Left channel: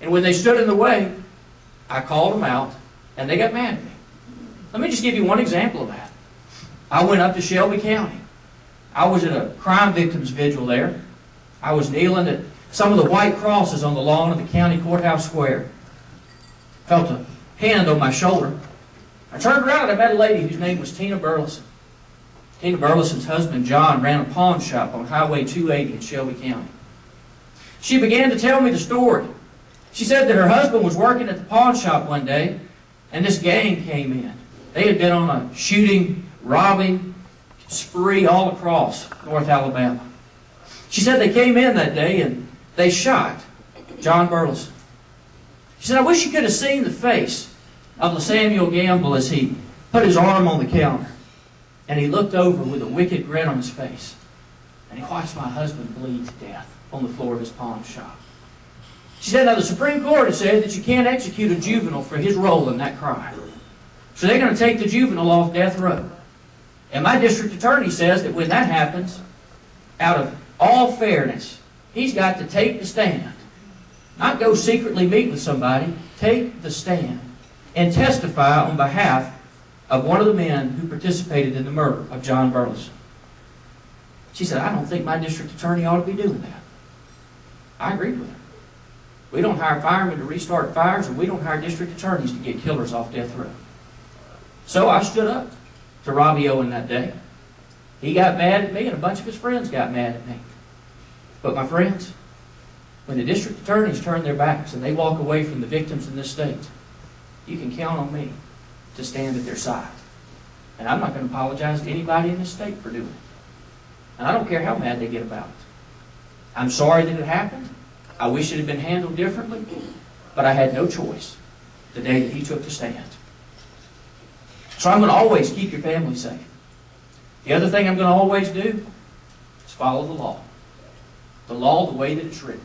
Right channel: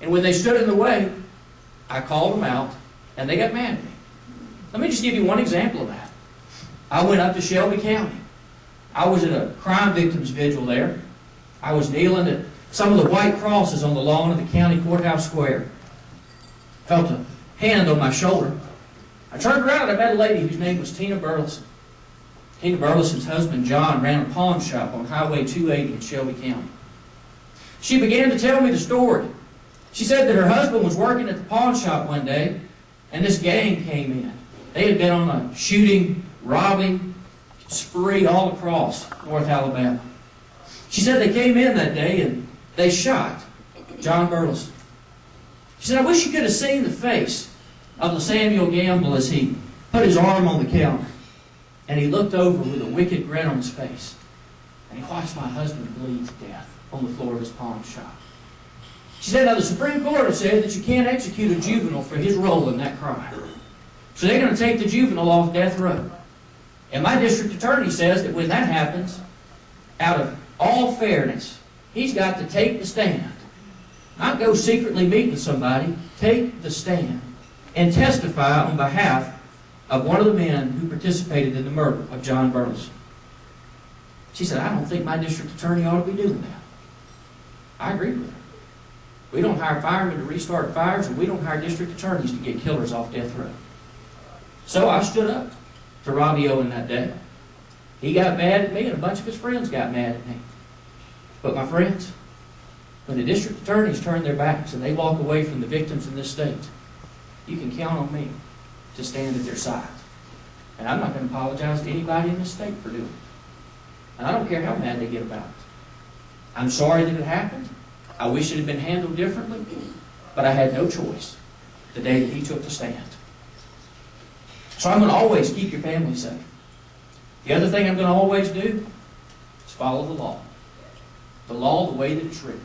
And when they stood in the way, I called them out, and they got mad at me. Let me just give you one example of that. I went up to Shelby County. I was at a crime victims vigil there. I was kneeling at some of the white crosses on the lawn of the county courthouse square. Felt a hand on my shoulder. I turned around and I met a lady whose name was Tina Burleson. Tina Burleson's husband, John, ran a pawn shop on Highway 280 in Shelby County. She began to tell me the story. She said that her husband was working at the pawn shop one day, and this gang came in. They had been on a shooting, robbing spree all across North Alabama. She said they came in that day and they shot John Burleson. She said, I wish you could have seen the face of Samuel Gamble as he put his arm on the counter and he looked over with a wicked grin on his face and he watched my husband bleed to death on the floor of his pawn shop. She said, now the Supreme Court has said that you can't execute a juvenile for his role in that crime. So they're going to take the juvenile off death row. And my district attorney says that when that happens, out of all fairness, he's got to take the stand. Not go secretly meet with somebody. Take the stand and testify on behalf of one of the men who participated in the murder of John Burleson. She said, I don't think my district attorney ought to be doing that. I agreed with her. We don't hire firemen to restart fires, and we don't hire district attorneys to get killers off death row. So I stood up to Robbie Owen that day. He got mad at me, and a bunch of his friends got mad at me. But my friends, when the district attorneys turn their backs and they walk away from the victims in this state, you can count on me to stand at their side. And I'm not going to apologize to anybody in this state for doing it. And I don't care how mad they get about it. I'm sorry that it happened. I wish it had been handled differently, but I had no choice the day that he took the stand. So I'm going to always keep your family safe. The other thing I'm going to always do is follow the law. The law the way that it's written.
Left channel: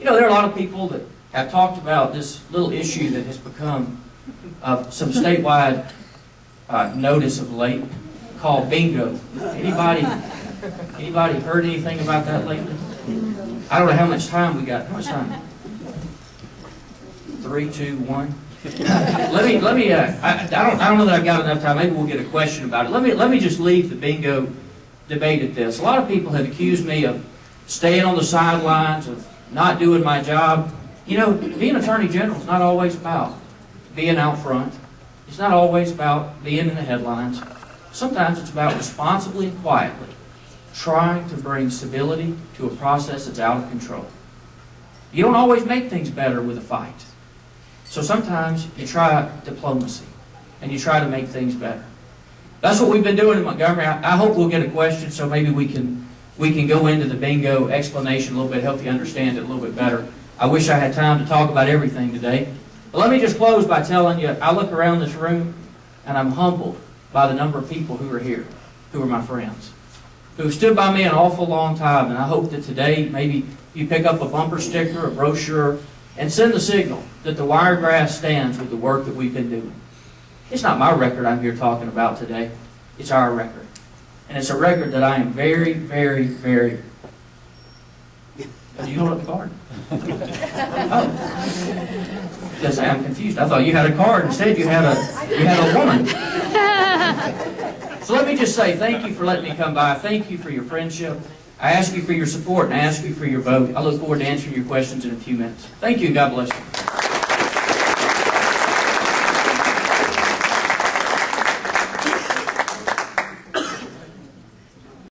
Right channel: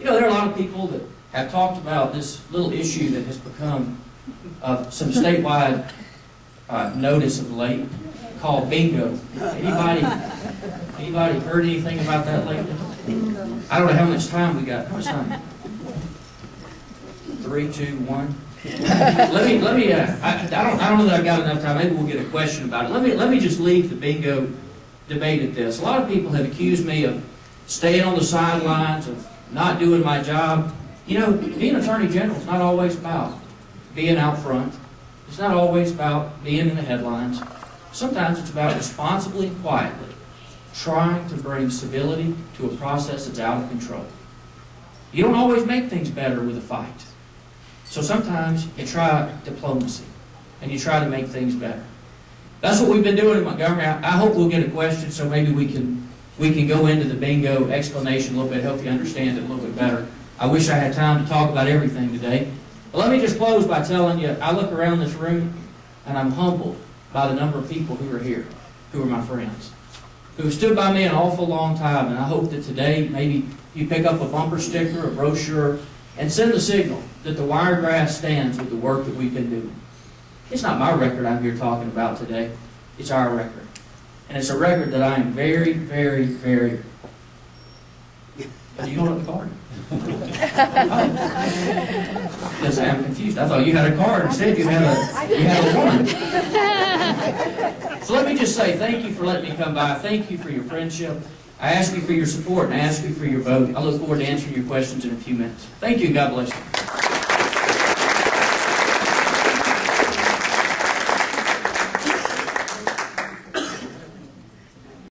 You know, there are a lot of people that have talked about this little issue that has become of some statewide notice of late called bingo. Anybody heard anything about that lately? I don't know how much time we got. How much time? 3, 2, 1. Let me. I don't know that I've got enough time. Maybe we'll get a question about it. Let me just leave the bingo debate at this. A lot of people have accused me of staying on the sidelines, of not doing my job. You know, being Attorney General is not always about being out front. It's not always about being in the headlines. Sometimes it's about responsibly and quietly trying to bring civility to a process that's out of control. You don't always make things better with a fight. So sometimes you try diplomacy and you try to make things better. That's what we've been doing in Montgomery. I hope we'll get a question so maybe we can go into the bingo explanation a little bit, help you understand it a little bit better. I wish I had time to talk about everything today. But let me just close by telling you, I look around this room and I'm humbled by the number of people who are here, who are my friends, who have stood by me an awful long time. And I hope that today maybe you pick up a bumper sticker, a brochure, and send the signal that the Wiregrass stands with the work that we've been doing. It's not my record I'm here talking about today. It's our record. And it's a record that I am very, very, very... Did you hold up the card? Oh. Yes, I'm confused. I thought you had a card. Instead, you had a woman. So let me just say thank you for letting me come by. Thank you for your friendship. I ask you for your support and I ask you for your vote. I look forward to answering your questions in a few minutes. Thank you and God bless you.